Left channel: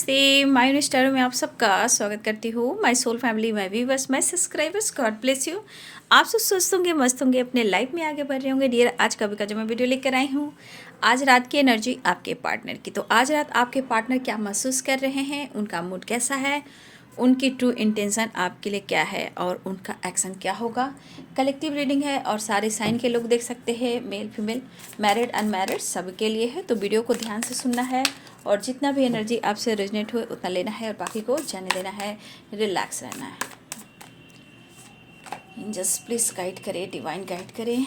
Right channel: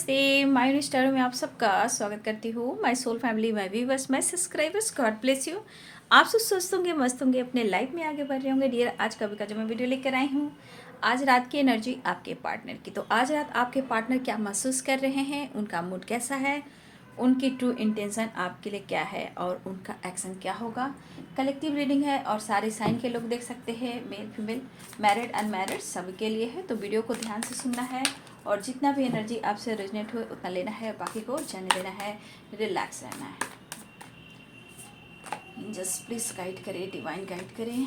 नमस्ते, my star में आप सबका स्वागत करती हूँ। My soul family, my viewers, my subscribers, God bless you. आप सब स्वस्थ होंगे, मस्त होंगे, अपने लाइफ में आगे बढ़ रहे होंगे। डियर, आज का जो मैं वीडियो लेकर आई हूँ, आज रात की एनर्जी आपके पार्टनर की। तो आज रात आपके पार्टनर क्या महसूस कर रहे हैं, उनका मूड कैसा है, उनकी ट्रू इंटेंशन आपके लिए क्या है और उनका एक्शन क्या होगा। कलेक्टिव रीडिंग है और सारे साइन के लोग देख सकते हैं, मेल फीमेल, मैरिड अनमैरिड सबके लिए है। तो वीडियो को ध्यान से सुनना है और जितना भी एनर्जी आपसे रेजनेट हुए उतना लेना है और बाकी को जाने देना है, रिलैक्स रहना है। जस्ट प्लीज गाइड करें, डिवाइन गाइड करें।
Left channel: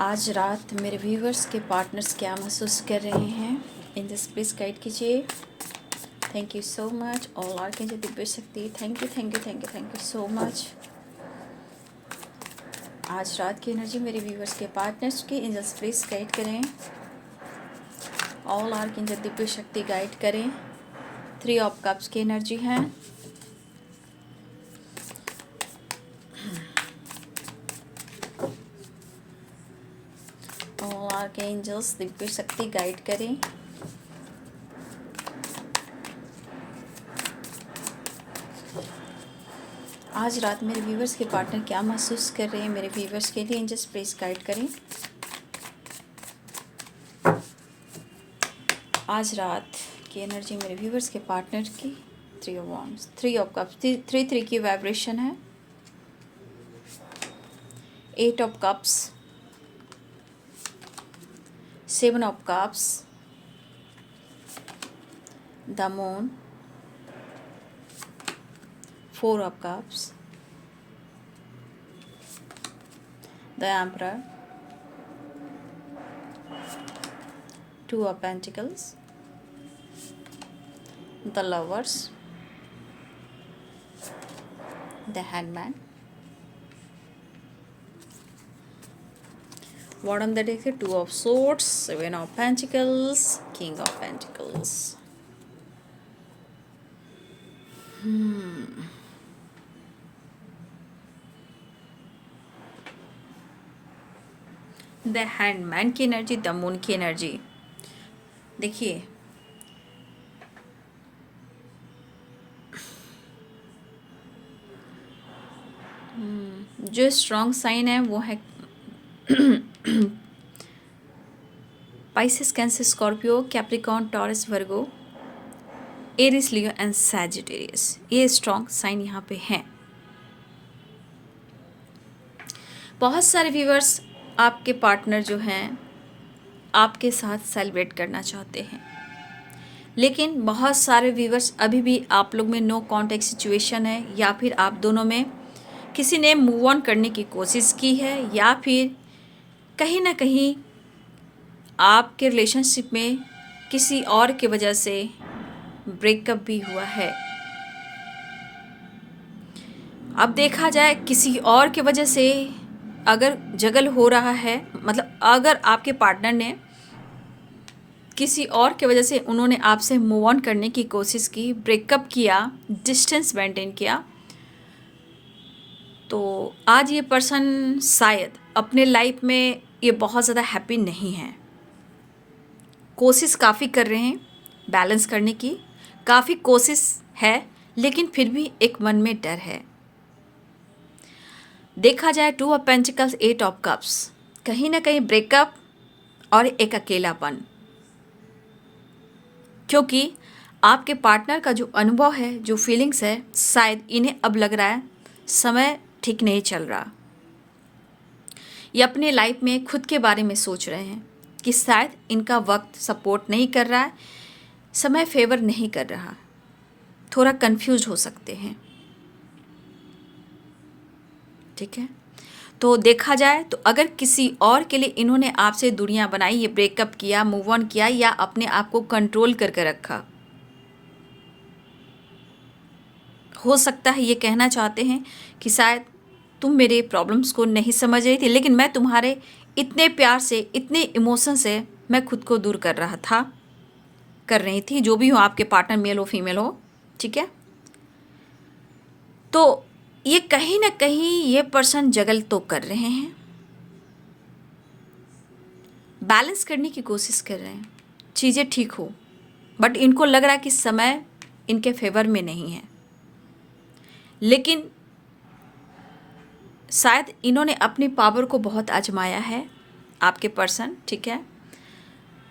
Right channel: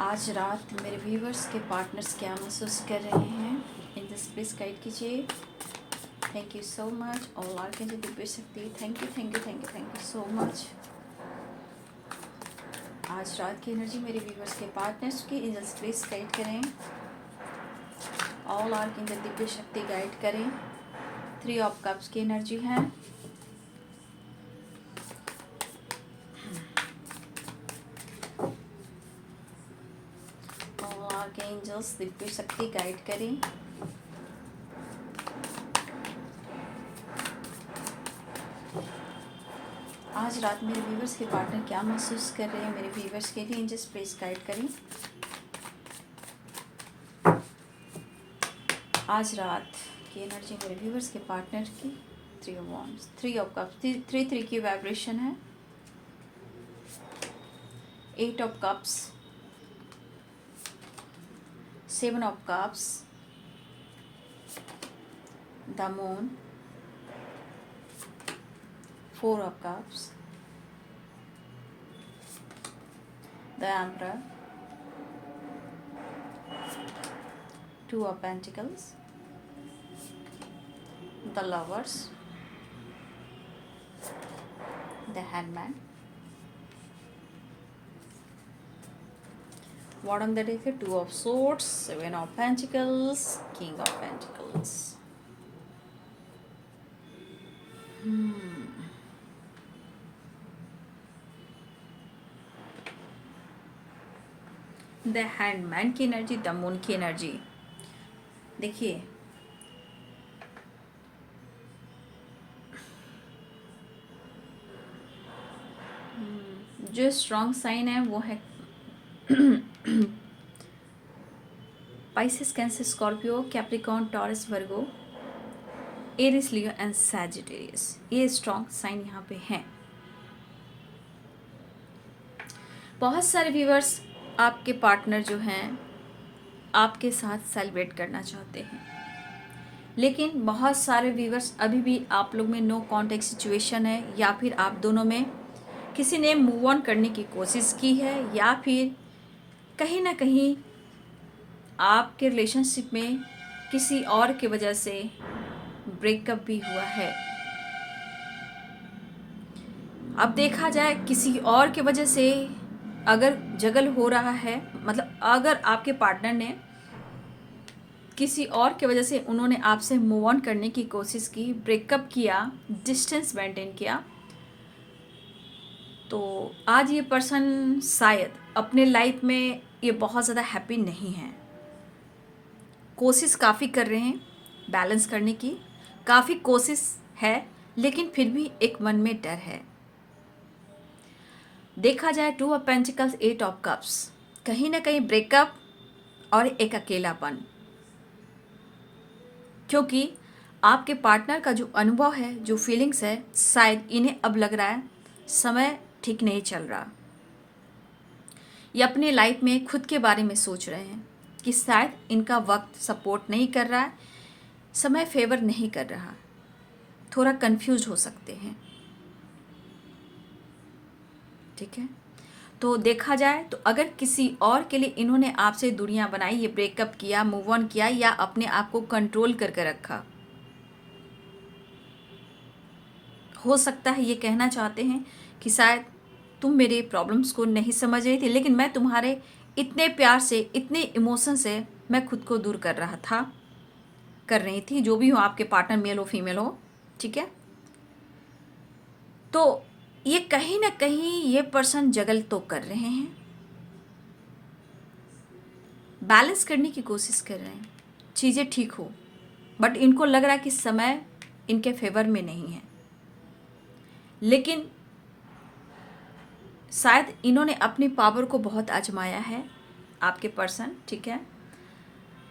आज रात मेरे व्यूवर्स के पार्टनर्स क्या महसूस कर रहे हैं, इन दिस प्लीज गाइड कीजिए। Thank you so much. All are के दिव्य शक्ति, thank you thank you thank you thank you so much. आज रात की एनर्जी मेरे व्यूवर्स के पार्टनर्स की, इन दिस प्लीज गाइड करें। ऑल आर की दिव्य शक्ति गाइड करें। 3 ऑफ कप्स की एनर्जी है। ऑल आर के एंजल्स दिव्य शक्ति गाइड करें। आज रात मेरे व्यूवर्स के पार्टनर क्या महसूस कर रहे हैं, मेरे व्यूवर्स के लिए एंजल्स प्लीज गाइड करें। आज रात की एनर्जी मेरे व्यूवर्स के पार्टनर की, 3 ऑफ वांड्स, 3 ऑफ कप्स, 3 की वाइब्रेशन है। 8 of cups, 7 of cups, the moon, 4 of cups, the emperor, 2 of pentacles, the lovers, the hangman. Bottom the deck है 2 of swords, 7 of pentacles, king of pentacles. The handman की energy, the moon की energy. देखिए, जो strong sign है वो है Pisces, Cancer, Scorpio, Capricorn, Taurus, Virgo, Aries, Leo and Sagittarius. ये strong sign यहाँ पे हैं। बहुत सारे व्यूअर्स, आपके पार्टनर जो हैं आपके साथ सेलिब्रेट करना चाहते हैं, लेकिन बहुत सारे व्यूअर्स अभी भी आप लोग में नो कॉन्टैक्ट सिचुएशन है, या फिर आप दोनों में किसी ने मूव ऑन करने की कोशिश की है, या फिर कहीं ना कहीं आपके रिलेशनशिप में किसी और के वजह से ब्रेकअप भी हुआ है। अब देखा जाए, किसी और के वजह से अगर जगल हो रहा है, मतलब अगर आपके पार्टनर ने किसी और के वजह से उन्होंने आपसे मूव ऑन करने की कोशिश की, ब्रेकअप किया, डिस्टेंस मेंटेन किया, तो आज ये पर्सन शायद अपने लाइफ में ये बहुत ज़्यादा हैप्पी नहीं है। कोशिश काफ़ी कर रहे हैं बैलेंस करने की, काफ़ी कोशिश है, लेकिन फिर भी एक मन में डर है। देखा जाए 2 ऑफ पेंटिकल्स, 8 ऑफ कप्स, कहीं ना कहीं ब्रेकअप और एक अकेलापन, क्योंकि आपके पार्टनर का जो अनुभव है, जो फीलिंग्स है, शायद इन्हें अब लग रहा है समय ठीक नहीं चल रहा। ये अपने लाइफ में खुद के बारे में सोच रहे हैं कि शायद इनका वक्त सपोर्ट नहीं कर रहा है, समय फेवर नहीं कर रहा, थोड़ा कंफ्यूज हो सकते हैं। ठीक है, तो देखा जाए तो अगर किसी और के लिए इन्होंने आपसे दूरियां बनाई, ये ब्रेकअप किया, मूव ऑन किया, या अपने आप को कंट्रोल करके रखा, हो सकता है ये कहना चाहते हैं कि शायद तुम मेरे प्रॉब्लम्स को नहीं समझ रही थी, लेकिन मैं तुम्हारे इतने प्यार से, इतने इमोशन से मैं खुद को दूर कर रहा था, कर रही थी, जो भी हो आपके पार्टनर, मेल हो फीमेल हो। ठीक है, तो ये कहीं ना कहीं ये पर्सन जगल तो कर रहे हैं, बैलेंस करने की कोशिश कर रहे हैं, चीज़ें ठीक हो, बट इनको लग रहा है कि समय इनके फेवर में नहीं है। लेकिन शायद इन्होंने अपनी पावर को बहुत आजमाया है, आपके पर्सन, ठीक है,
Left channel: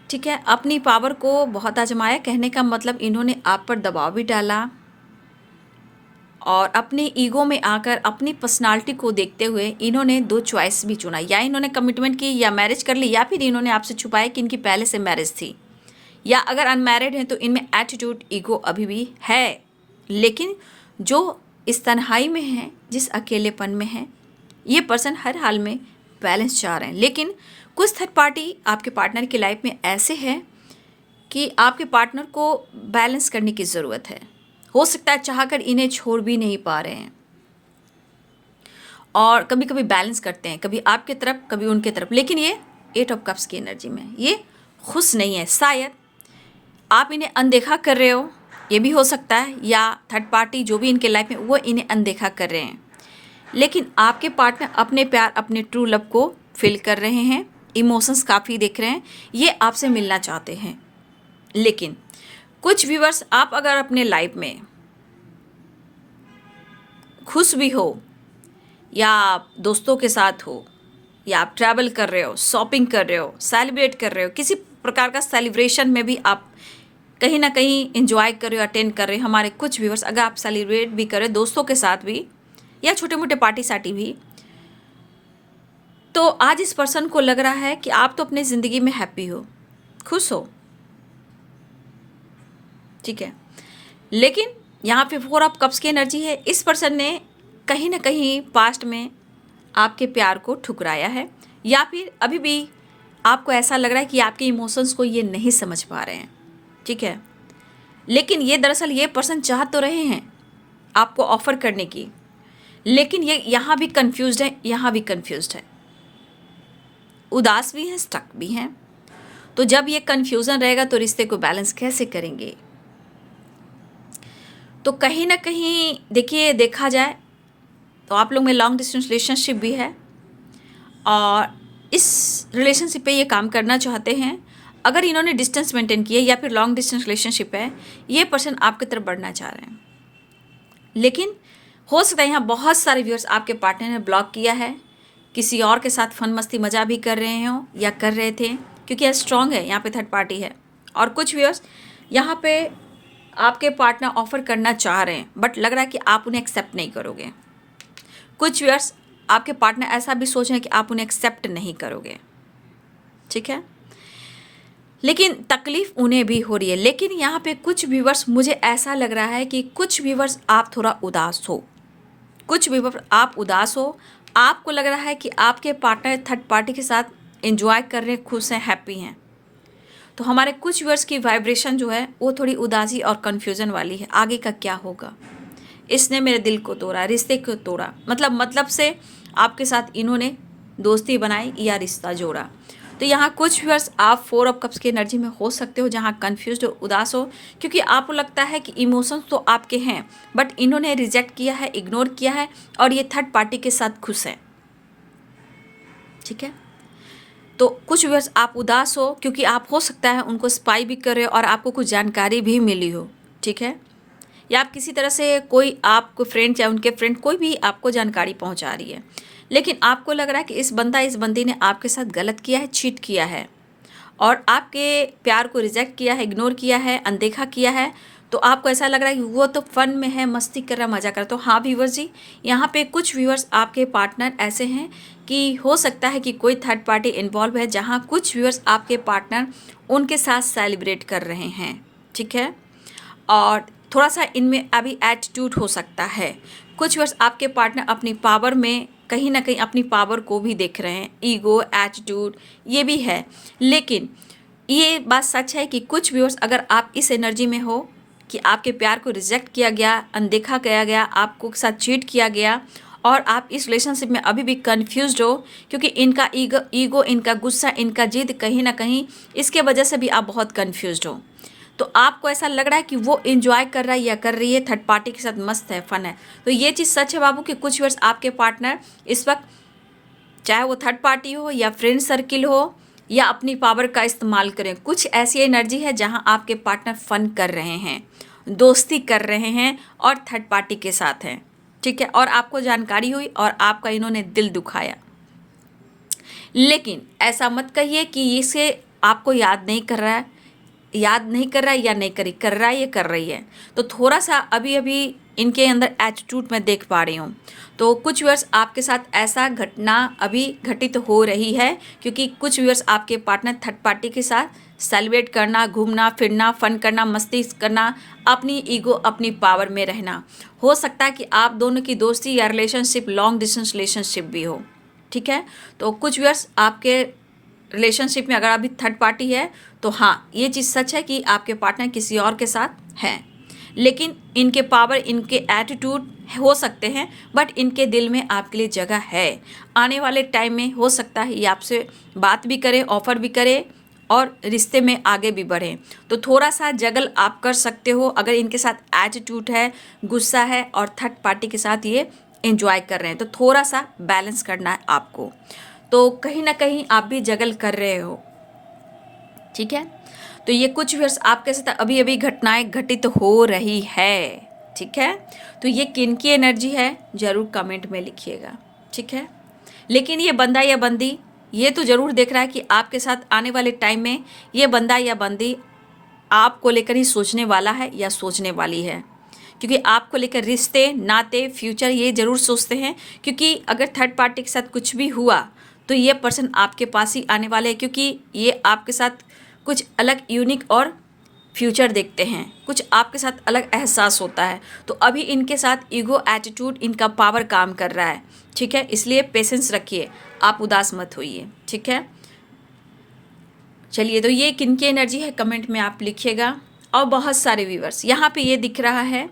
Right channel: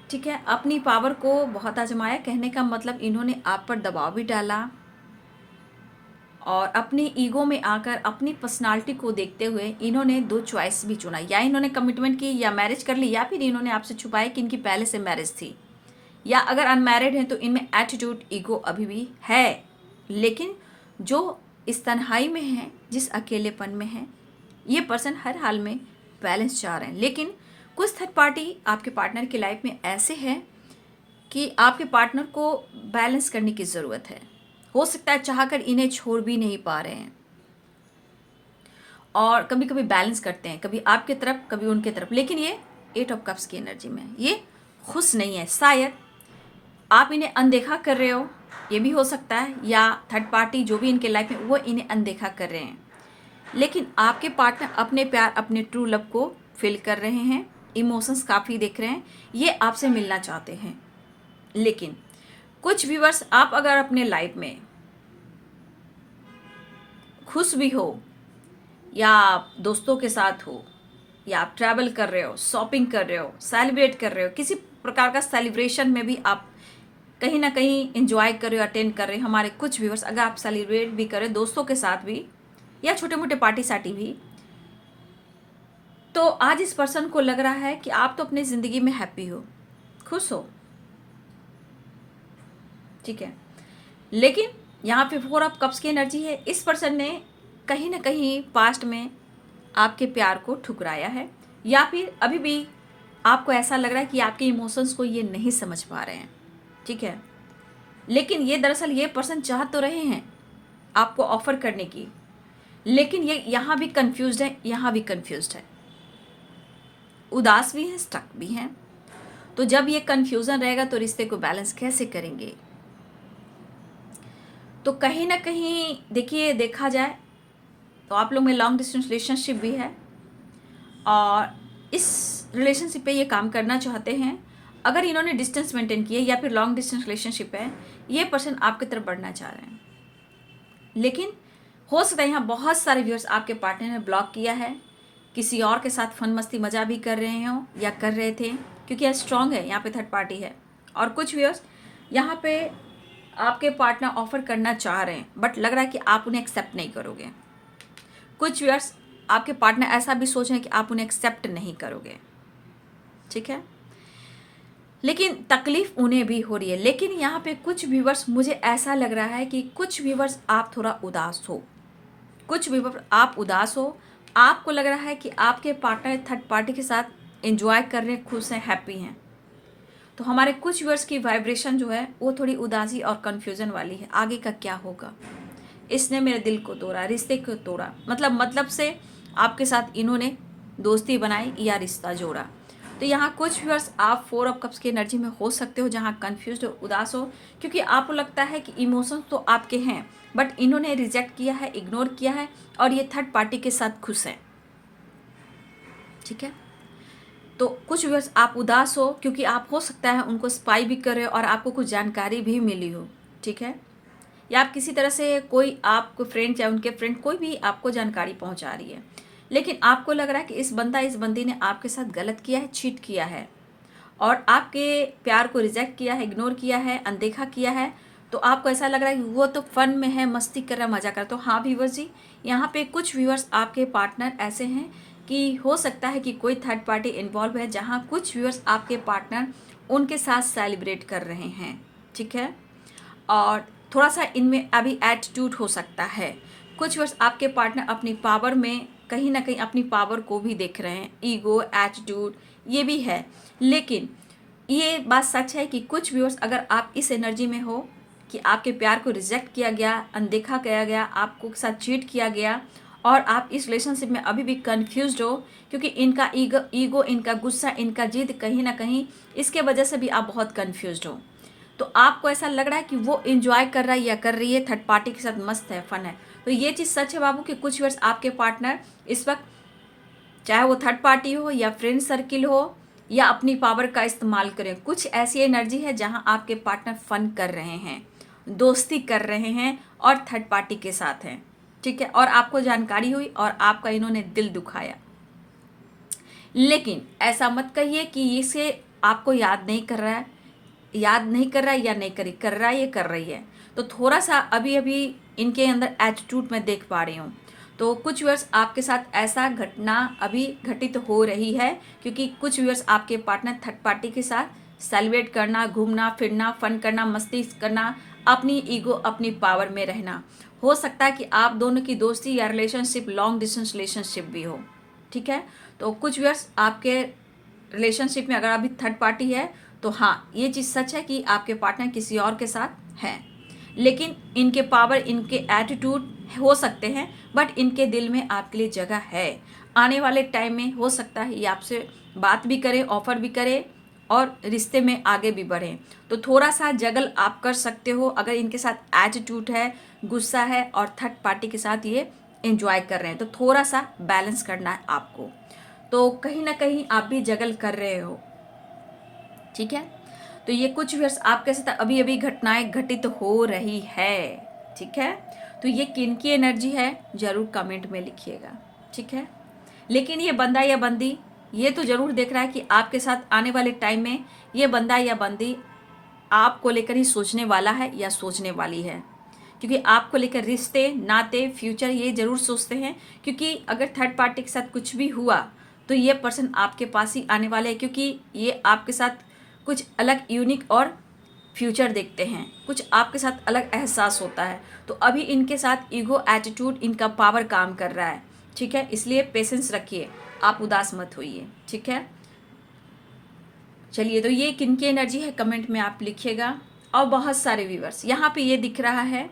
ठीक है, अपनी पावर को बहुत आजमाया। कहने का मतलब इन्होंने आप पर दबाव भी डाला और अपने ईगो में आकर अपनी पर्सनालिटी को देखते हुए इन्होंने दो चॉइस भी चुना, या इन्होंने कमिटमेंट की या मैरिज कर ली, या फिर इन्होंने आपसे छुपाया कि इनकी पहले से मैरिज थी, या अगर अनमैरिड हैं तो इनमें एटीट्यूड ईगो अभी भी है। लेकिन जो इस तन्हाई में है, जिस अकेलेपन में है, ये पर्सन हर हाल में बैलेंस चाह रहे हैं। लेकिन कुछ थर्ड पार्टी आपके पार्टनर की लाइफ में ऐसे है कि आपके पार्टनर को बैलेंस करने की ज़रूरत है। हो सकता है चाहकर इन्हें छोड़ भी नहीं पा रहे हैं और कभी कभी बैलेंस करते हैं, कभी आपकी तरफ कभी उनके तरफ, लेकिन ये 8 ऑफ कप्स की एनर्जी में ये खुश नहीं है। शायद आप इन्हें अनदेखा कर रहे हो, ये भी हो सकता है, या थर्ड पार्टी जो भी इनके लाइफ में वो इन्हें अनदेखा कर रहे हैं। लेकिन आपके पार्टनर अपने प्यार, अपने ट्रू लव को फील कर रहे हैं, इमोशंस काफ़ी देख रहे हैं, ये आपसे मिलना चाहते हैं। लेकिन कुछ व्यूअर्स, आप अगर अपने लाइफ में खुश भी हो, या आप दोस्तों के साथ हो, या आप ट्रैवल कर रहे हो, शॉपिंग कर रहे हो, सेलिब्रेट कर रहे हो, किसी प्रकार का सेलिब्रेशन में भी आप कहीं ना कहीं इंजॉय कर रहे हो, अटेंड कर रहे हो, हमारे कुछ व्यूअर्स अगर आप सेलिब्रेट भी कर रहे हो दोस्तों के साथ भी, या छोटे मोटे पार्टी साटी भी, तो आज इस पर्सन को लग रहा है कि आप तो अपनी ज़िंदगी में हैप्पी हो, खुश हो, ठीक है। लेकिन यहाँ पे 4 ऑफ कप्स की एनर्जी है। इस पर्सन ने कहीं ना कहीं पास्ट में आपके प्यार को ठुकराया है, या फिर अभी भी आपको ऐसा लग रहा है कि आपके इमोशंस को ये नहीं समझ पा रहे हैं, ठीक है। लेकिन ये दरअसल ये पर्सन चाह तो रहे हैं आपको ऑफर करने की, लेकिन ये यहाँ भी कंफ्यूज्ड है, यहाँ भी कंफ्यूज्ड है, उदास भी है, स्टक भी हैं। तो जब ये कंफ्यूजन रहेगा तो रिश्ते को बैलेंस कैसे करेंगे? तो कहीं ना कहीं देखिए, देखा जाए तो आप लोग में लॉन्ग डिस्टेंस रिलेशनशिप भी है और इस रिलेशनशिप पे ये काम करना चाहते हैं। अगर इन्होंने डिस्टेंस मेंटेन किया या फिर लॉन्ग डिस्टेंस रिलेशनशिप है, ये पर्सन आपकी तरफ बढ़ना चाह रहे हैं। लेकिन हो सकता है यहाँ बहुत सारे व्यूअर्स आपके पार्टनर ने ब्लॉक किया है, किसी और के साथ फन मस्ती मजा भी कर रहे हो या कर रहे थे, क्योंकि यह स्ट्रॉन्ग है, यहाँ पे थर्ड पार्टी है। और कुछ व्यूअर्स यहाँ पे आपके पार्टनर ऑफर करना चाह रहे हैं, बट लग रहा है कि आप उन्हें एक्सेप्ट नहीं करोगे। कुछ व्यूअर्स आपके पार्टनर ऐसा भी सोच रहे हैं कि आप उन्हें एक्सेप्ट नहीं करोगे, ठीक है। लेकिन तकलीफ उन्हें भी हो रही है। लेकिन यहाँ पे कुछ व्यूअर्स, मुझे ऐसा लग रहा है कि कुछ व्यूअर्स आप थोड़ा उदास हो, कुछ व्यूअर्स आप उदास हो, आपको लग रहा है कि आपके पार्टनर थर्ड पार्टी के साथ एंजॉय कर रहे हैं, खुश हैं, हैप्पी हैं। तो हमारे कुछ व्यूअर्स की वाइब्रेशन जो है वो थोड़ी उदासी और कन्फ्यूज़न वाली है। आगे का क्या होगा? इसने मेरे दिल को तोड़ा, रिश्ते को तोड़ा, मतलब से आपके साथ इन्होंने दोस्ती बनाई या रिश्ता जोड़ा। तो यहाँ कुछ व्यूअर्स आप 4 ऑफ कप्स की एनर्जी में हो सकते हो, जहाँ कन्फ्यूज्ड हो, उदास हो, क्योंकि आपको लगता है कि इमोशंस तो आपके हैं बट इन्होंने रिजेक्ट किया है, इग्नोर किया है और ये थर्ड पार्टी के साथ खुश हैं, ठीक है। तो कुछ व्यूअर्स आप उदास हो क्योंकि आप हो सकता है उनको स्पाई भी कर रहे हो और आपको कुछ जानकारी भी मिली हो, ठीक है, या आप किसी तरह से कोई आपको फ्रेंड या उनके फ्रेंड कोई भी आपको जानकारी पहुंचा रही है, लेकिन आपको लग रहा है कि इस बंदी ने आपके साथ गलत किया है, चीट किया है और आपके प्यार को रिजेक्ट किया है, इग्नोर किया है, अनदेखा किया है। तो आपको ऐसा लग रहा है कि वो तो फन में है, मस्ती कर रहा, मजा कर रहा। तो हाँ व्यूअर्स जी, यहाँ पे कुछ व्यूअर्स आपके पार्टनर ऐसे हैं कि हो सकता है कि कोई थर्ड पार्टी इन्वॉल्व है, जहाँ कुछ व्यूअर्स आपके पार्टनर उनके साथ सेलिब्रेट कर रहे हैं, ठीक है। और थोड़ा सा इनमें अभी एटीट्यूड हो सकता है। कुछ व्यूअर्स आपके पार्टनर अपनी पावर में कहीं ना कहीं अपनी पावर को भी देख रहे हैं, ईगो, एटीट्यूड ये भी है। लेकिन ये बात सच है कि कुछ व्यूअर्स अगर आप इस एनर्जी में हो कि आपके प्यार को रिजेक्ट किया गया, अनदेखा किया गया, आपको साथ चीट किया गया और आप इस रिलेशनशिप में अभी भी कंफ्यूज्ड हो, क्योंकि इनका ईगो, इनका गुस्सा, इनका जिद, कहीं ना कहीं इसके वजह से भी आप बहुत कंफ्यूज्ड हो। तो आपको ऐसा लग रहा है कि वो एंजॉय कर रहा है या कर रही है, थर्ड पार्टी के साथ मस्त है, फन है। तो ये चीज़ सच है बाबू कि कुछ व्यूअर्स आपके पार्टनर इस वक्त, चाहे वो थर्ड पार्टी हो या फ्रेंड सर्किल हो, या अपनी पावर का इस्तेमाल करें। कुछ ऐसी एनर्जी है जहां आपके पार्टनर फन कर रहे हैं, दोस्ती कर रहे हैं और थर्ड पार्टी के साथ हैं, ठीक है, और आपको जानकारी हुई और आपका इन्होंने दिल दुखाया। लेकिन ऐसा मत कहिए कि इसे आपको याद नहीं कर रहा है, याद नहीं कर रहा है या नहीं करी कर रहा है, ये कर रही है। तो थोड़ा सा अभी अभी इनके अंदर एटीट्यूड मैं देख पा रही हूँ। तो कुछ व्यूअर्स आपके साथ ऐसा घटना अभी घटित हो रही है, क्योंकि कुछ व्यूअर्स आपके पार्टनर थर्ड पार्टी के साथ सेलिब्रेट करना, घूमना फिरना, फन करना, मस्ती करना, अपनी ईगो अपनी पावर में रहना। हो सकता है कि आप दोनों की दोस्ती या रिलेशनशिप लॉन्ग डिस्टेंस रिलेशनशिप भी हो, ठीक है। तो कुछ व्यूअर्स आपके रिलेशनशिप में अगर अभी थर्ड पार्टी है तो हाँ, ये चीज़ सच है कि आपके पार्टनर किसी और के साथ हैं, लेकिन इनके पावर, इनके एटीट्यूड हो सकते हैं, बट इनके दिल में आपके लिए जगह है। आने वाले टाइम में हो सकता है ये आपसे बात भी करें, ऑफर भी करें और रिश्ते में आगे भी बढ़ें। तो थोड़ा सा जगल आप कर सकते हो अगर इनके साथ एटीट्यूड है, गुस्सा है और थर्ड पार्टी के साथ ये एंजॉय कर रहे हैं, तो थोड़ा सा बैलेंस करना है आपको। तो कहीं ना कहीं आप भी जगल कर रहे हो, ठीक है। तो ये कुछ व्यूअर्स आपके साथ अभी अभी घटनाएं घटित हो रही है, ठीक है। तो ये किन की एनर्जी है जरूर कमेंट में लिखिएगा, ठीक है। लेकिन ये बंदा या बंदी ये तो जरूर देख रहा है कि आपके साथ आने वाले टाइम में ये बंदा या बंदी आपको लेकर ही सोचने वाला है या सोचने वाली है, क्योंकि आपको लेकर रिश्ते, नाते, फ्यूचर ये जरूर सोचते हैं। क्योंकि अगर थर्ड पार्टी के साथ कुछ भी हुआ तो ये पर्सन आपके पास ही आने वाले हैं, क्योंकि ये आपके साथ कुछ अलग यूनिक और फ्यूचर देखते हैं, कुछ आपके साथ अलग एहसास होता है। तो अभी इनके साथ ईगो, एटीट्यूड, इनका पावर काम कर रहा है, ठीक है। इसलिए पेशेंस रखिए, आप उदास मत होइए, ठीक है। चलिए, तो ये किन की एनर्जी है कमेंट में आप लिखिएगा। और बहुत सारे व्यूवर्स यहाँ पे ये दिख रहा है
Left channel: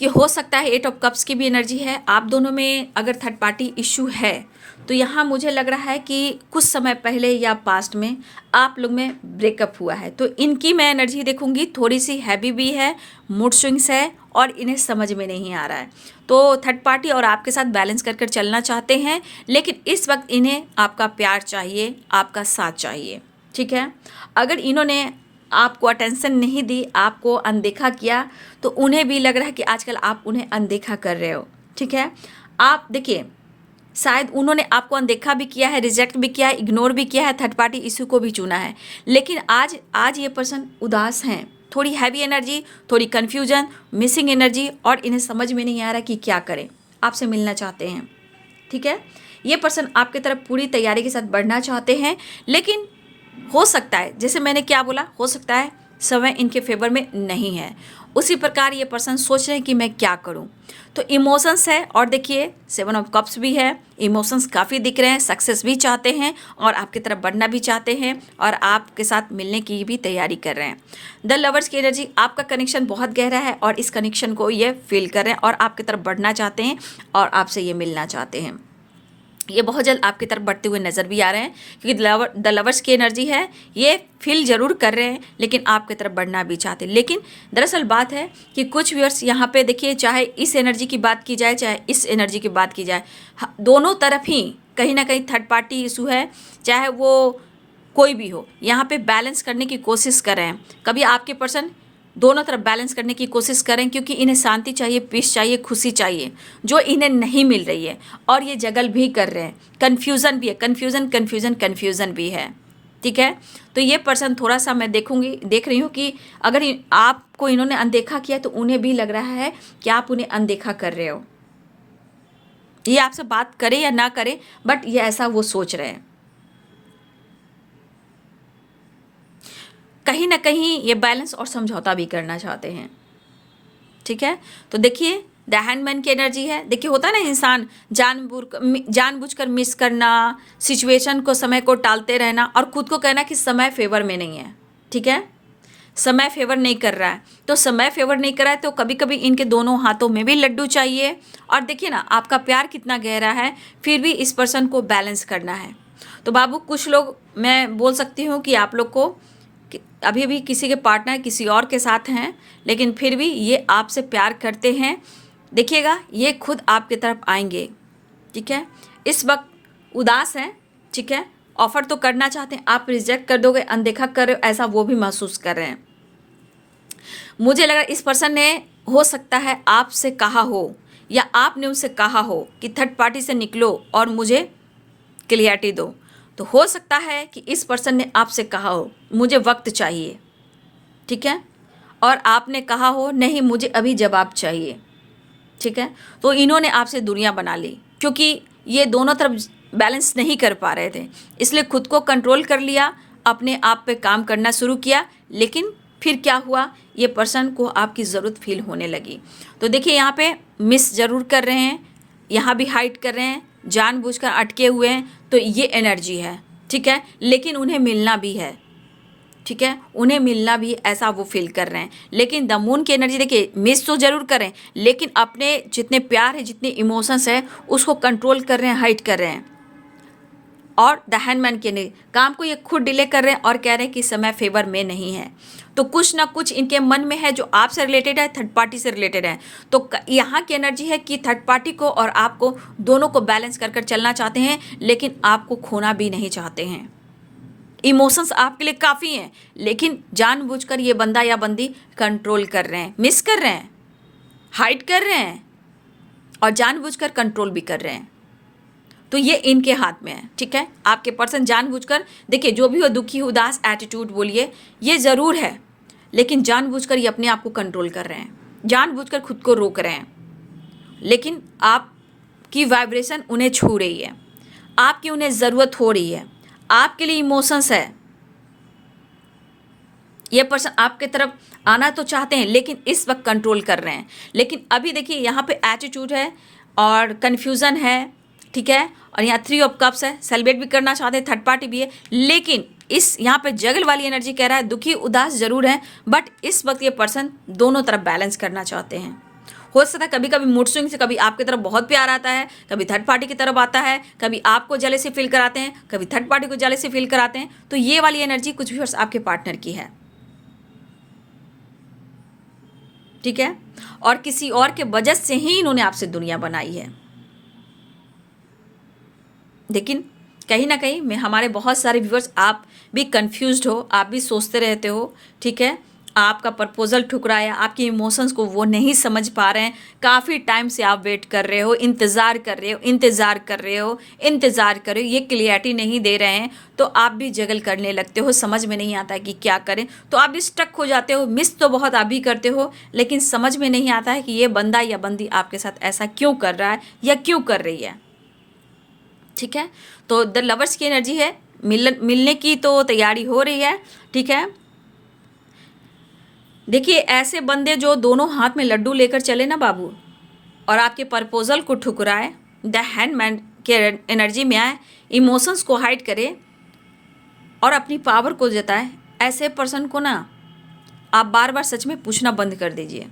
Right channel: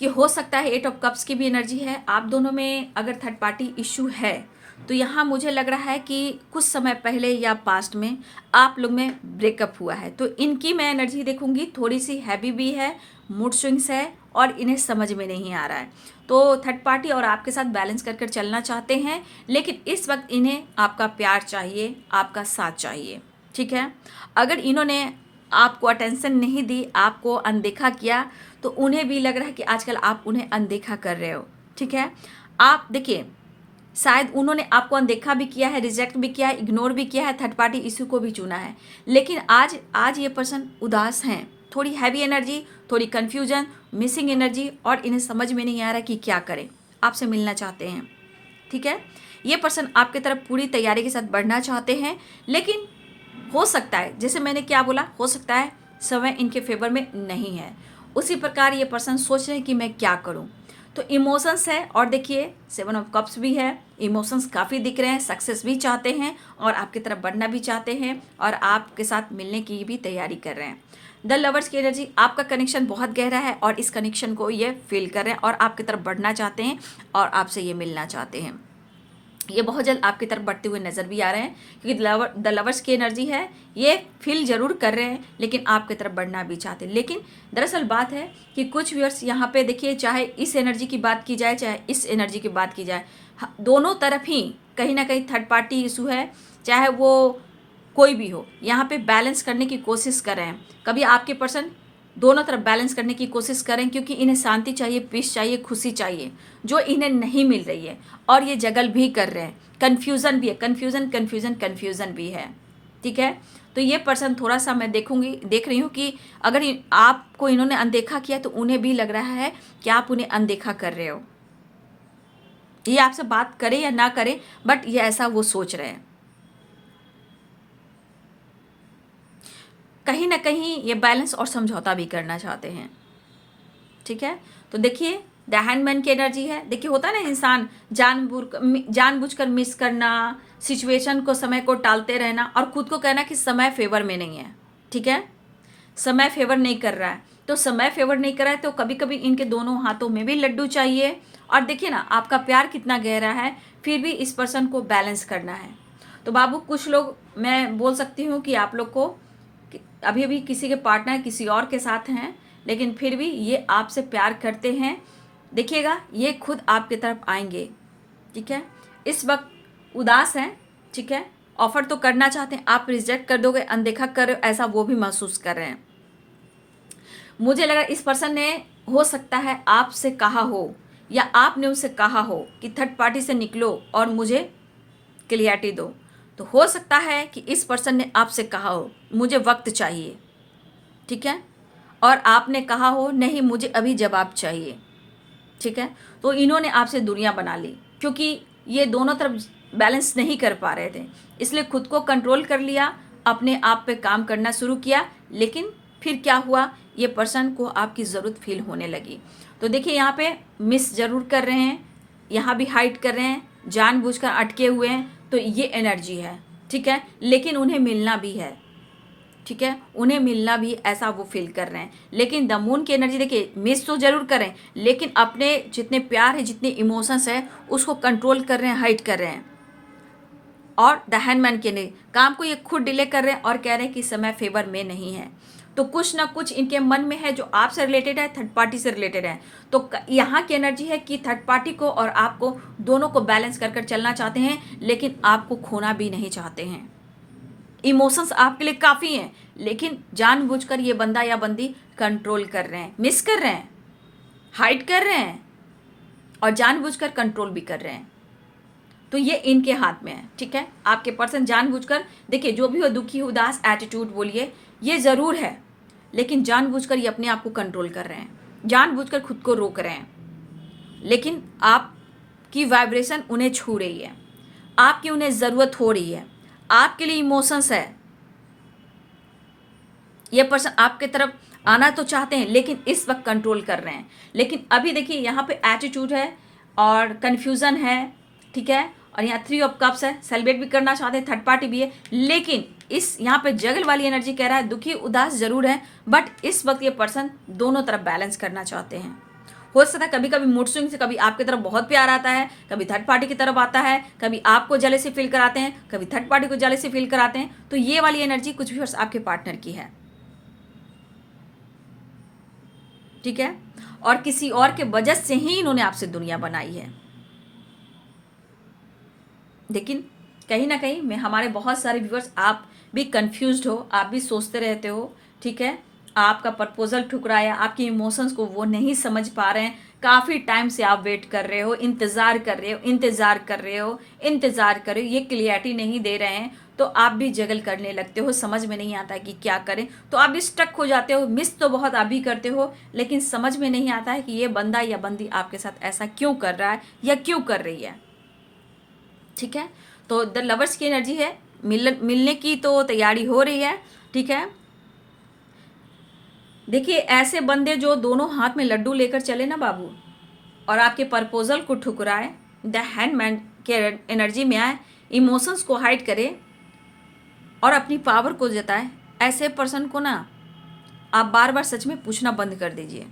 कि हो सकता है 8 ऑफ कप्स की भी एनर्जी है। आप दोनों में अगर थर्ड पार्टी इशू है तो यहाँ मुझे लग रहा है कि कुछ समय पहले या पास्ट में आप लोग में ब्रेकअप हुआ है। तो इनकी मैं एनर्जी देखूंगी, थोड़ी सी हैवी भी है, मूड स्विंग्स है और इन्हें समझ में नहीं आ रहा है। तो थर्ड पार्टी और आपके साथ बैलेंस कर कर चलना चाहते हैं, लेकिन इस वक्त इन्हें आपका प्यार चाहिए, आपका साथ चाहिए, ठीक है। अगर इन्होंने आपको अटेंशन नहीं दी, आपको अनदेखा किया, तो उन्हें भी लग रहा है कि आजकल आप उन्हें अनदेखा कर रहे हो, ठीक है। आप देखिए, शायद उन्होंने आपको अनदेखा भी किया है, रिजेक्ट भी किया है, इग्नोर भी किया है, थर्ड पार्टी इशू को भी चुना है, लेकिन आज ये पर्सन उदास हैं, थोड़ी हैवी एनर्जी, थोड़ी कन्फ्यूजन, मिसिंग एनर्जी, और इन्हें समझ में नहीं आ रहा कि क्या करें। आपसे मिलना चाहते हैं, ठीक है। ये पर्सन आपकी तरफ पूरी तैयारी के साथ बढ़ना चाहते हैं, लेकिन हो सकता है, जैसे मैंने क्या बोला, हो सकता है समय इनके फेवर में नहीं है। उसी प्रकार ये पर्सन सोच रहे हैं कि मैं क्या करूं। तो इमोशंस है, और देखिए 7 ऑफ कप्स भी है, इमोशंस काफ़ी दिख रहे हैं, सक्सेस भी चाहते हैं और आपकी तरफ बढ़ना भी चाहते हैं और आपके साथ मिलने की भी तैयारी कर रहे हैं। द लवर्स की एनर्जी, आपका कनेक्शन बहुत गहरा है और इस कनेक्शन को ये फील कर रहे हैं और आपकी तरफ बढ़ना चाहते हैं और आपसे ये मिलना चाहते हैं। ये बहुत जल्द आपकी तरफ बढ़ते हुए नज़र भी आ रहे हैं, क्योंकि द लवर्स की एनर्जी है, ये फील जरूर कर रहे हैं लेकिन आपकी तरफ बढ़ना भी चाहते हैं। लेकिन दरअसल बात है कि कुछ व्यूअर्स यहाँ पे देखिए, चाहे इस एनर्जी की बात की जाए चाहे इस एनर्जी की बात की जाए, दोनों तरफ ही कहीं ना कहीं थर्ड पार्टी इशू है, चाहे वो कोई भी हो। यहाँ पे बैलेंस करने की कोशिश कर रहे हैं, कभी आपके पर्सन दोनों तरफ बैलेंस करने की कोशिश करें, क्योंकि इन्हें शांति चाहिए, पीस चाहिए, खुशी चाहिए, जो इन्हें नहीं मिल रही है, और ये जगल भी कर रहे हैं, कन्फ्यूज़न भी है, कन्फ्यूज़न भी है, ठीक है। तो ये पर्सन थोड़ा सा मैं देख रही हूँ कि अगर आपको इन्होंने अनदेखा किया तो उन्हें भी लग रहा है कि आप उन्हें अनदेखा कर रहे हो। ये आपसे बात करे या ना करे, बट ये ऐसा वो सोच रहे हैं। कहीं ना कहीं ये बैलेंस और समझौता भी करना चाहते हैं, ठीक है। तो देखिए, द हैंडमैन की एनर्जी है। देखिए, होता है ना, इंसान जानबूझकर मिस करना, सिचुएशन को, समय को टालते रहना और खुद को कहना कि समय फेवर में नहीं है, ठीक है, समय फेवर नहीं कर रहा है। तो समय फेवर नहीं कर रहा है तो कभी कभी इनके दोनों हाथों में भी लड्डू चाहिए। और देखिए ना, आपका प्यार कितना गहरा है, फिर भी इस पर्सन को बैलेंस करना है। तो बाबू, कुछ लोग, मैं बोल सकती हूँ कि आप लोग को अभी भी किसी के पार्टनर किसी और के साथ हैं, लेकिन फिर भी ये आपसे प्यार करते हैं। देखिएगा, ये खुद आपकी तरफ आएंगे, ठीक है। इस वक्त उदास हैं, ठीक है, ऑफर तो करना चाहते हैं, आप रिजेक्ट कर दोगे, अनदेखा कर रहे हो, ऐसा वो भी महसूस कर रहे हैं। मुझे लगा इस पर्सन ने हो सकता है आपसे कहा हो या आपने उनसे कहा हो कि थर्ड पार्टी से निकलो और मुझे क्लियरिटी दो। तो हो सकता है कि इस पर्सन ने आपसे कहा हो मुझे वक्त चाहिए, ठीक है, और आपने कहा हो नहीं मुझे अभी जवाब चाहिए, ठीक है। तो इन्होंने आपसे दुनिया बना ली, क्योंकि ये दोनों तरफ बैलेंस नहीं कर पा रहे थे, इसलिए खुद को कंट्रोल कर लिया, अपने आप पे काम करना शुरू किया। लेकिन फिर क्या हुआ, ये पर्सन को आपकी ज़रूरत फील होने लगी। तो देखिए यहाँ पे मिस ज़रूर कर रहे हैं, यहाँ भी हाइड कर रहे हैं, जानबूझकर अटके हुए हैं, तो ये एनर्जी है, ठीक है। लेकिन उन्हें मिलना भी है, ठीक है, उन्हें मिलना भी, ऐसा वो फील कर रहे हैं। लेकिन द मून की एनर्जी देखिए, मिस तो जरूर करें, लेकिन अपने जितने प्यार है, जितने इमोशंस है, उसको कंट्रोल कर रहे हैं, हाइड कर रहे हैं। और द हैंडमैन के नहीं, काम को ये खुद डिले कर रहे हैं और कह रहे हैं कि समय फेवर में नहीं है। तो कुछ ना कुछ इनके मन में है जो आपसे रिलेटेड है, थर्ड पार्टी से रिलेटेड है। तो यहाँ की एनर्जी है कि थर्ड पार्टी को और आपको दोनों को बैलेंस कर चलना चाहते हैं, लेकिन आपको खोना भी नहीं चाहते हैं। इमोशंस आपके लिए काफ़ी हैं, लेकिन जानबूझकर ये बंदा या बंदी कंट्रोल कर रहे हैं, मिस कर रहे हैं, हाइड कर रहे हैं और जानबूझकर कंट्रोल भी कर रहे हैं। तो ये इनके हाथ में है, ठीक है। आपके पर्सन जानबूझकर, देखिए जो भी हो, दुखी उदास एटीट्यूड बोलिए, ये ज़रूर है, लेकिन जानबूझकर ये अपने आप को कंट्रोल कर रहे हैं, जानबूझकर खुद को रोक रहे हैं। लेकिन आपकी वाइब्रेशन उन्हें छू रही है, आपकी उन्हें ज़रूरत हो रही है, आपके लिए इमोशंस है। ये पर्सन आपके तरफ आना तो चाहते हैं, लेकिन इस वक्त कंट्रोल कर रहे हैं। लेकिन अभी देखिए यहाँ पे एटीट्यूड है और कन्फ्यूज़न है, ठीक है, और यहाँ 3 ऑफ कप्स है, सेलिब्रेट भी करना चाहते हैं, थर्ड पार्टी भी है। लेकिन इस यहाँ पे जगल वाली एनर्जी कह रहा है दुखी उदास जरूर है, बट इस वक्त ये पर्सन दोनों तरफ बैलेंस करना चाहते हैं। हो सकता है कभी कभी मूड स्विंग से कभी आपकी तरफ बहुत प्यार आता है, कभी थर्ड पार्टी की तरफ आता है, कभी आपको जेलसी फील कराते हैं, कभी थर्ड पार्टी को जेलसी फील कराते हैं। तो ये वाली एनर्जी कुछ भी आपके पार्टनर की है, ठीक है, और किसी और के वजह से ही इन्होंने आपसे दुनिया बनाई है। लेकिन कहीं ना कहीं मैं, हमारे बहुत सारे व्यूअर्स, आप भी कंफ्यूज्ड हो, आप भी सोचते रहते हो, ठीक है, आपका प्रपोजल ठुकराया, आपके इमोशंस को वो नहीं समझ पा रहे हैं, काफ़ी टाइम से आप वेट कर रहे हो, इंतज़ार कर रहे हो, इंतज़ार कर रहे हो, इंतज़ार कर रहे हो, ये क्लियरिटी नहीं दे रहे हैं, तो आप भी जगल करने लगते हो, समझ में नहीं आता है कि क्या करें, तो आप भी स्टक हो जाते हो। मिस तो बहुत आप भी करते हो, लेकिन समझ में नहीं आता है कि ये बंदा या बंदी आपके साथ ऐसा क्यों कर रहा है या क्यों कर रही है, ठीक है। तो द लवर्स की एनर्जी है, मिलने की तो तैयारी हो रही है, ठीक है। देखिए ऐसे बंदे जो दोनों हाथ में लड्डू लेकर चले ना बाबू, और आपके प्रपोजल को ठुकराए, द हैंडमैन के एनर्जी में आए, इमोशंस को हाइड करे और अपनी पावर को जताए, ऐसे पर्सन को ना आप बार बार सच में पूछना बंद कर दीजिए,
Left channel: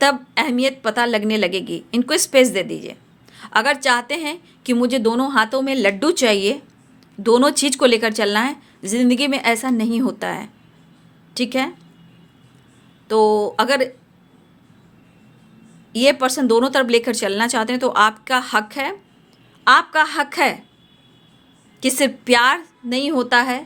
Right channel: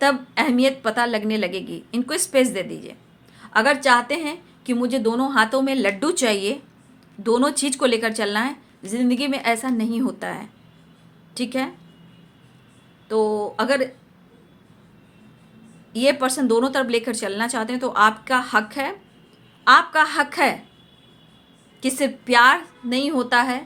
तब अहमियत पता लगने लगेगी। इनको स्पेस दे दीजिए। अगर चाहते हैं कि मुझे दोनों हाथों में लड्डू चाहिए, दोनों चीज़ को लेकर चलना है, ज़िंदगी में ऐसा नहीं होता है, ठीक है। तो अगर ये पर्सन दोनों तरफ लेकर चलना चाहते हैं तो आपका हक है, आपका हक है कि सिर्फ प्यार नहीं होता है,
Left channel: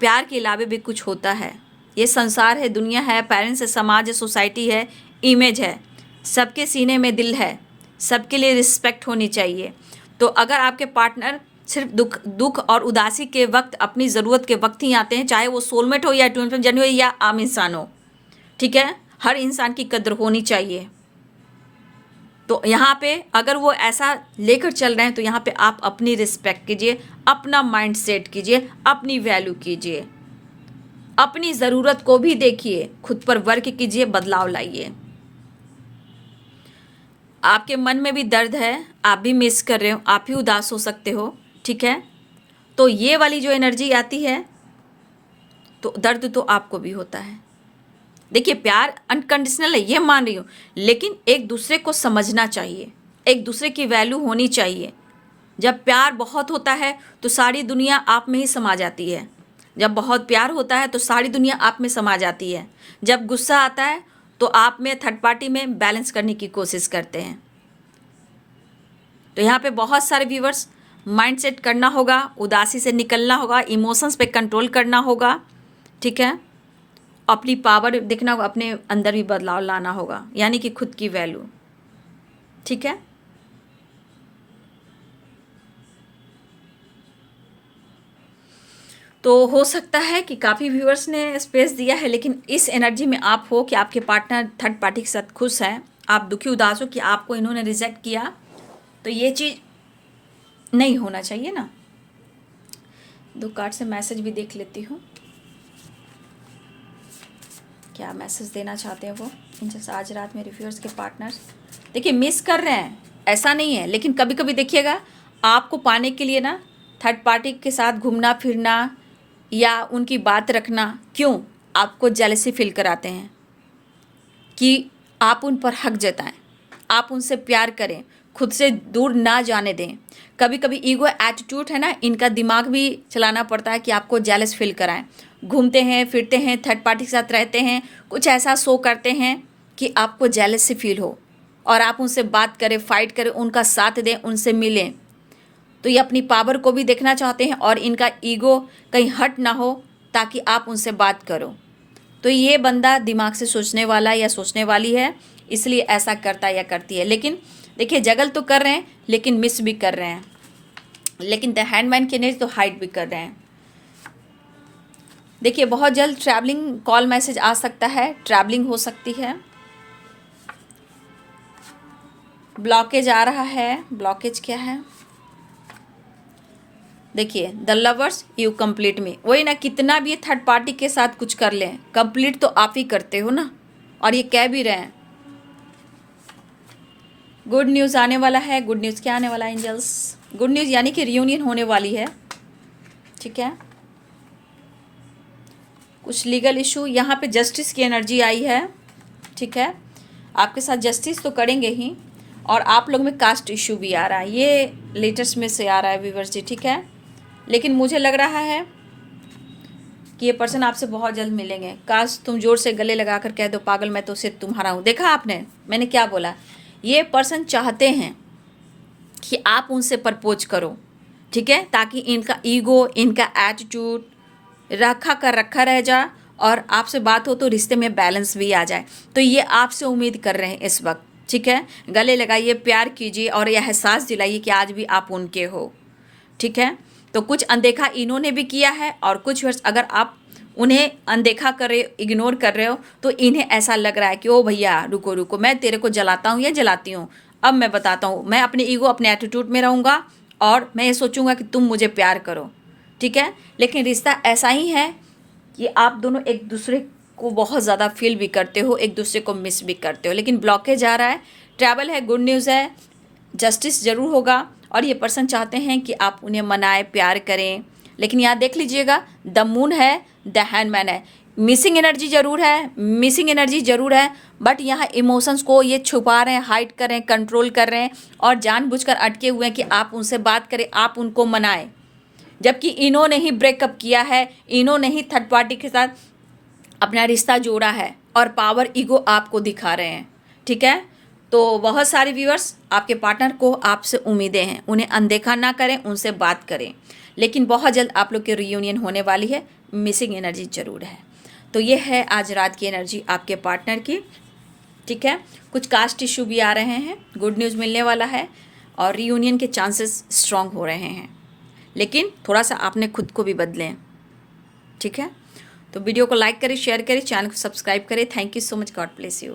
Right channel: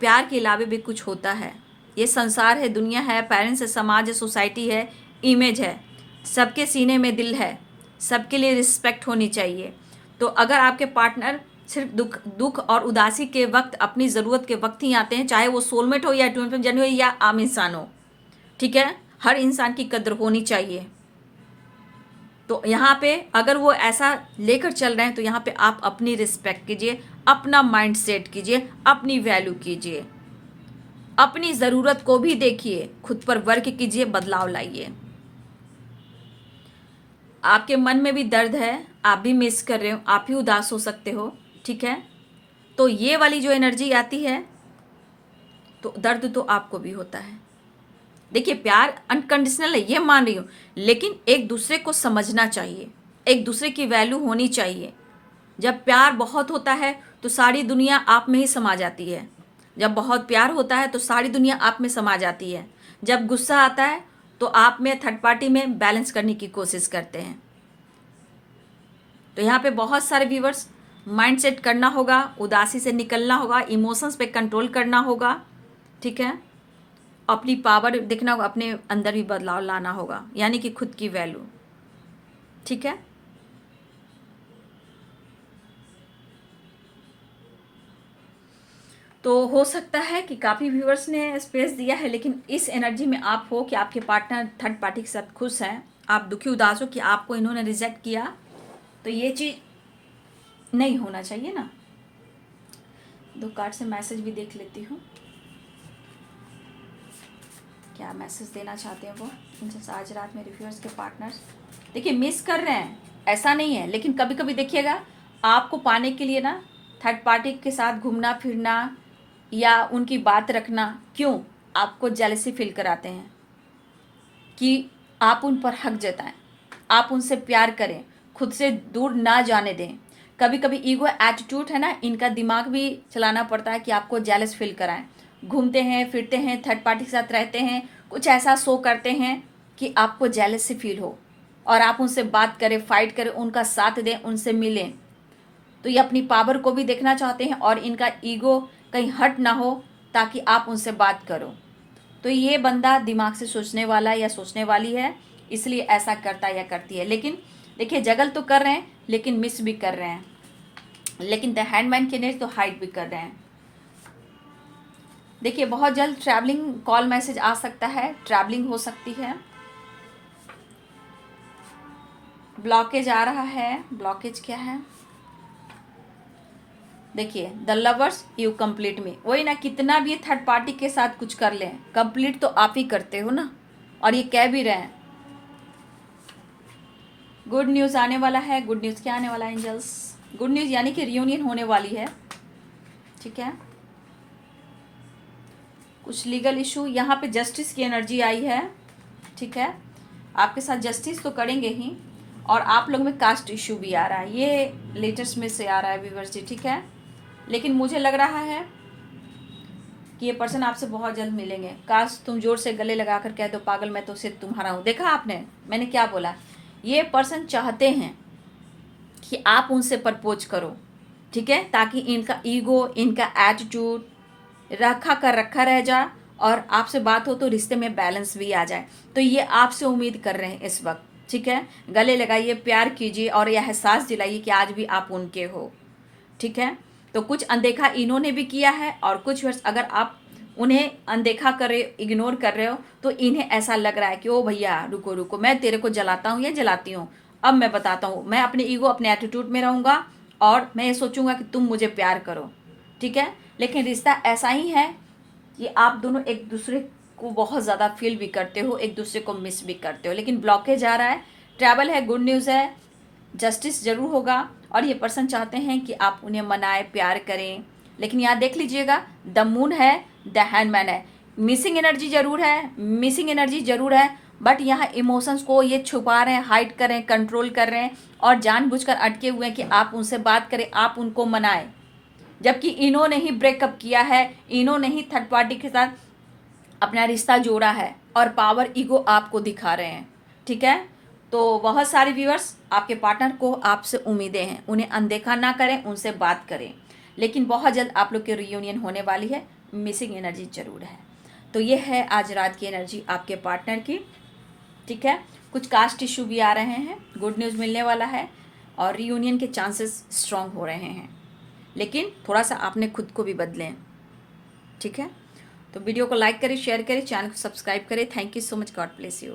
प्यार के अलावा भी कुछ होता है। ये संसार है, दुनिया है, पेरेंट्स है, समाज है, सोसाइटी है, इमेज है, सबके सीने में दिल है, सबके लिए रिस्पेक्ट होनी चाहिए। तो अगर आपके पार्टनर सिर्फ दुख और उदासी के वक्त, अपनी ज़रूरत के वक्त ही आते हैं, चाहे वो सोलमेट हो या ट्विन फ्लेम जर्नी हो या आम इंसान हो, ठीक है, हर इंसान की कद्र होनी चाहिए। तो यहाँ पे अगर वो ऐसा लेकर चल रहे हैं तो यहाँ पे आप अपनी रिस्पेक्ट कीजिए, अपना माइंड सेट कीजिए, अपनी वैल्यू कीजिए, अपनी ज़रूरत को भी देखिए, खुद पर वर्क कीजिए, बदलाव लाइए। आपके मन में भी दर्द है, आप भी मिस कर रहे हो, आप भी उदास हो सकते हो, ठीक है। तो ये वाली जो एनर्जी आती है तो दर्द तो आपको भी होता है। देखिए प्यार अनकंडीशनल है, ये मान रही हूँ, लेकिन एक दूसरे को समझना चाहिए, एक दूसरे की वैल्यू होनी चाहिए। जब प्यार बहुत होता है तो सारी दुनिया आप में ही समा जाती है। जब बहुत प्यार होता है तो सारी दुनिया आप में समा जाती है। जब गुस्सा आता है तो आप में, थर्ड पार्टी में बैलेंस करने की कोशिश करते हैं। तो यहाँ पे बहुत सारे व्यूवर्स माइंड सेट करना होगा, उदासी से निकलना होगा, इमोशंस पे कंट्रोल करना होगा, ठीक है। अपनी पावर देखना होगा, अपने अंदर भी बदलाव लाना होगा, यानी कि खुद की वैल्यू, ठीक है। तो हो सकता है कि काफ़ी व्यूअर्स ने स्पेस दिया है, लेकिन इस एनर्जी में आप हो कि आपके पार्टनर थर्ड पार्टी के साथ खुश हैं, आप दुखी उदास हो कि आपको इन्होंने रिजेक्ट किया, तो ये चीज़ नहीं होना चाहिए ना। 2 कार्ड से मैसेज भी देख लेती हूँ, क्या मैसेज देना चाहते हैं वो। जैसे आज रात मेरे व्यूअर्स के पार्टनर्स देखिए मिस कर रहे हैं, ऐसा नहीं है, लेकिन कभी कभी देखिएगा आपको पाने के लिए ना थर्ड पार्टी के साथ घूमना फिरना या उनकी बात रखना क्यों आपको जेलसी फील कराते हैं कि आप उन पर हक जताएं, आप उनसे प्यार करें, खुद से दूर ना जाने दें। कभी कभी ईगो एटीट्यूड है ना, इनका दिमाग भी चलाना पड़ता है कि आपको जेलस फील कराएं। घूमते हैं फिरते हैं, थर्ड पार्टी के साथ रहते हैं, कुछ ऐसा शो करते हैं कि आपको जेलस से फील हो और आप उनसे बात करें, फाइट करें, उनका साथ दें, उनसे मिलें। तो ये अपनी पावर को भी देखना चाहते हैं और इनका ईगो कहीं हट ना हो ताकि आप उनसे बात करो। तो ये बंदा दिमाग से सोचने वाला या सोचने वाली है, इसलिए ऐसा करता या करती है। लेकिन देखिए जगल तो कर रहे हैं लेकिन मिस भी कर रहे हैं, लेकिन द हैंडमैन की एनर्जी तो हाइड भी कर रहे हैं। देखिए बहुत जल्द ट्रैवलिंग कॉल मैसेज आ सकता है, ट्रैवलिंग हो सकती है। ब्लॉकेज आ रहा है, ब्लॉकेज क्या है देखिए, द लवर्स यू कंप्लीट मी। वही ना, कितना भी थर्ड पार्टी के साथ कुछ कर लें, कंप्लीट तो आप ही करते हो ना, और ये कह भी रहे हैं। गुड न्यूज़ आने वाला है। गुड न्यूज़ क्या आने वाला है एंजल्स? गुड न्यूज़ यानी कि रियूनियन होने वाली है, ठीक है। कुछ लीगल इशू, यहाँ पे जस्टिस की एनर्जी आई है, ठीक है। आपके साथ जस्टिस तो करेंगे ही, और आप लोग में कास्ट इशू भी आ रहा है, ये लेटेस्ट में से आ रहा है व्यूअर्स जी, ठीक है। लेकिन मुझे लग रहा है कि ये पर्सन आपसे बहुत जल्द मिलेंगे। काश तुम जोर से गले लगा कर कह दो पागल मैं तो सिर्फ तुम्हारा हूँ। देखा आपने मैंने क्या बोला? ये पर्सन चाहते हैं कि आप उनसे प्रपोज करो, ठीक है, ताकि इनका ईगो, इनका एटीट्यूड रखा रह जाए और आपसे बात हो तो रिश्ते में बैलेंस भी आ जाए। तो ये आपसे उम्मीद कर रहे हैं इस वक्त, ठीक है। गले लगाइए, प्यार कीजिए और यह एहसास दिलाइए कि आज भी आप उनके हो, ठीक है। तो कुछ अनदेखा इन्होंने भी किया है और कुछ वर्ष अगर आप उन्हें अनदेखा कर रहे, इग्नोर कर रहे हो, तो इन्हें ऐसा लग रहा है कि ओ भैया रुको रुको, मैं तेरे को जलाता हूँ या जलाती हूँ, अब मैं बताता हूँ। मैं अपने ईगो, अपने एटीट्यूड में रहूँगा और मैं ये सोचूंगा कि तुम मुझे प्यार करो, ठीक है। लेकिन रिश्ता ऐसा ही है कि आप दोनों एक दूसरे को बहुत ज़्यादा फील भी करते हो, एक दूसरे को मिस भी करते हो। लेकिन ब्लॉकेज आ रहा है, ट्रैवल है, गुड न्यूज़ है, जस्टिस ज़रूर होगा और ये पर्सन चाहते हैं कि आप उन्हें मनाएं, प्यार करें। लेकिन यहाँ देख लीजिएगा, द मून है, द हैंडमैन है, मिसिंग एनर्जी ज़रूर है, मिसिंग एनर्जी ज़रूर है, बट यहाँ इमोशंस को ये छुपा रहे हैं, हाइड कर रहे हैं, कंट्रोल कर रहे हैं और जानबूझकर अटके हुए हैं कि आप उनसे बात करें, आप उनको मनाएं। जबकि इन्होंने ही ब्रेकअप किया है, इन्होंने ही थर्ड पार्टी के साथ अपना रिश्ता जोड़ा है और पावर ईगो आपको दिखा रहे हैं, ठीक है। तो बहुत सारे व्यूअर्स, आपके पार्टनर को आपसे उम्मीदें हैं, उन्हें अनदेखा ना करें, उनसे बात करें। लेकिन बहुत जल्द आप लोग की रियूनियन होने वाली है, मिसिंग एनर्जी जरूर है। तो ये है आज रात की एनर्जी आपके पार्टनर की, ठीक है। कुछ कास्ट इशू भी आ रहे हैं, गुड न्यूज़ मिलने वाला है और रियूनियन के चांसेस स्ट्रांग हो रहे हैं। लेकिन थोड़ा सा आपने खुद को भी बदलें, ठीक है। तो वीडियो को लाइक करें, शेयर करें, चैनल को सब्सक्राइब करें। Thank you so much, God bless you.